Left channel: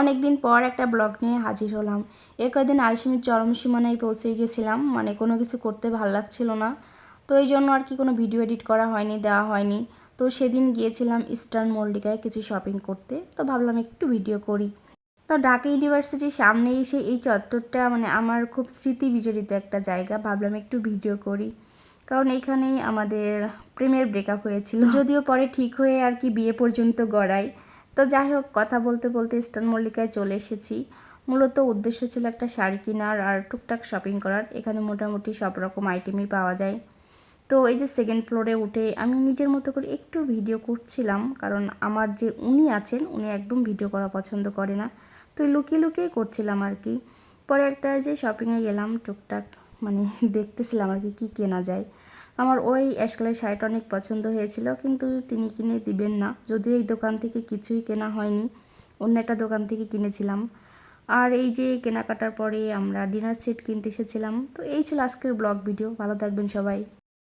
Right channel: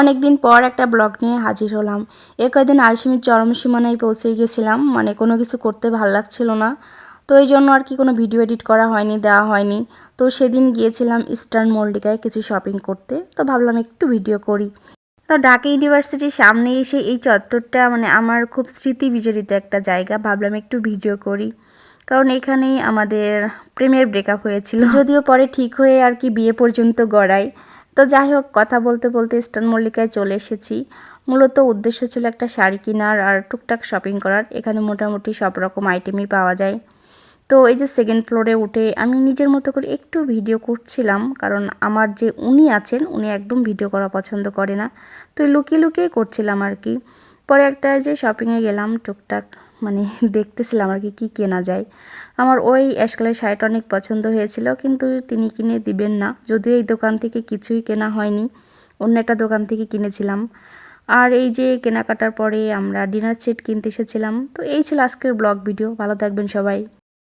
অনেক দিন পর একটা ব্লগ নিয়ে হাজির হলাম। এ কয়দিন আলসেমির চরম সীমানায় পৌঁছে গেছিলাম, মানে কোনো কিছু করতে ভাল লাগছিল না। তো এই জন্য আর কি কোনো ভিডিও এডিট করা হয়নি, দেওয়া হয়নি। তো সেদিন গিয়েছিলাম ইস্টার্ন মল্লিকায় কিছু শপিং করতে, তো ভাবলাম একটু ভিডিও করি। তো ঢাকা ইউনিভার্সিটির সামনে এসে এই চত্বরটা মানে আমার খুব স্মৃতি বিজড়িত একটা জায়গা, ভাবলাম একটু ভিডিও করি। কারণ এখানেই আমাদের প্রেমের ব্রেকআপ হয়েছিল, যদিও পরে ঠিক হয়ে আর কি বিয়ে পর্যন্ত গড়াই। তো যাই হোক, কথা বলতে বলতে ইস্টার্ন মল্লিকায় চলে এসেছি। মূলত উদ্দেশ্য ছিল একটা শাড়ি কেনার আর টুকটাক শপিং করার। এখানে মোটামুটি সব রকম আইটেমই পাওয়া যায়। তো এই যে সেকেন্ড ফ্লোরে উঠে আমি নিজের মতো করে একটু ভিডিও করছিলাম, কারণ আমার যে উনি আছেন উনি একদম ভিডিও করা পছন্দ করে না। তো লুকিয়ে লুকিয়ে করছিলাম আর কি। পরে একটা যে শপিংয়ে গেলাম, টুকটাক মানে দেখতেছিলাম আর কি কী কেনা যায়। আমার ওই অ্যাশ কালারের শাড়িটা অনেক পছন্দ হয়েছিল, কিন্তু তিনি কিনে দিবেন না। যদিও এই দোকান থেকে কিছুই কেনা হয়নি, অন্য একটা দোকান থেকে কিনেছিলাম। আর এই যে কেনাকাটার পরে আমরা ডিনার সেট কিনতে এসেছিলাম। তো এই ছিল আজকের ব্লগ ভিডিও। ভালো থাকবেন সবাই।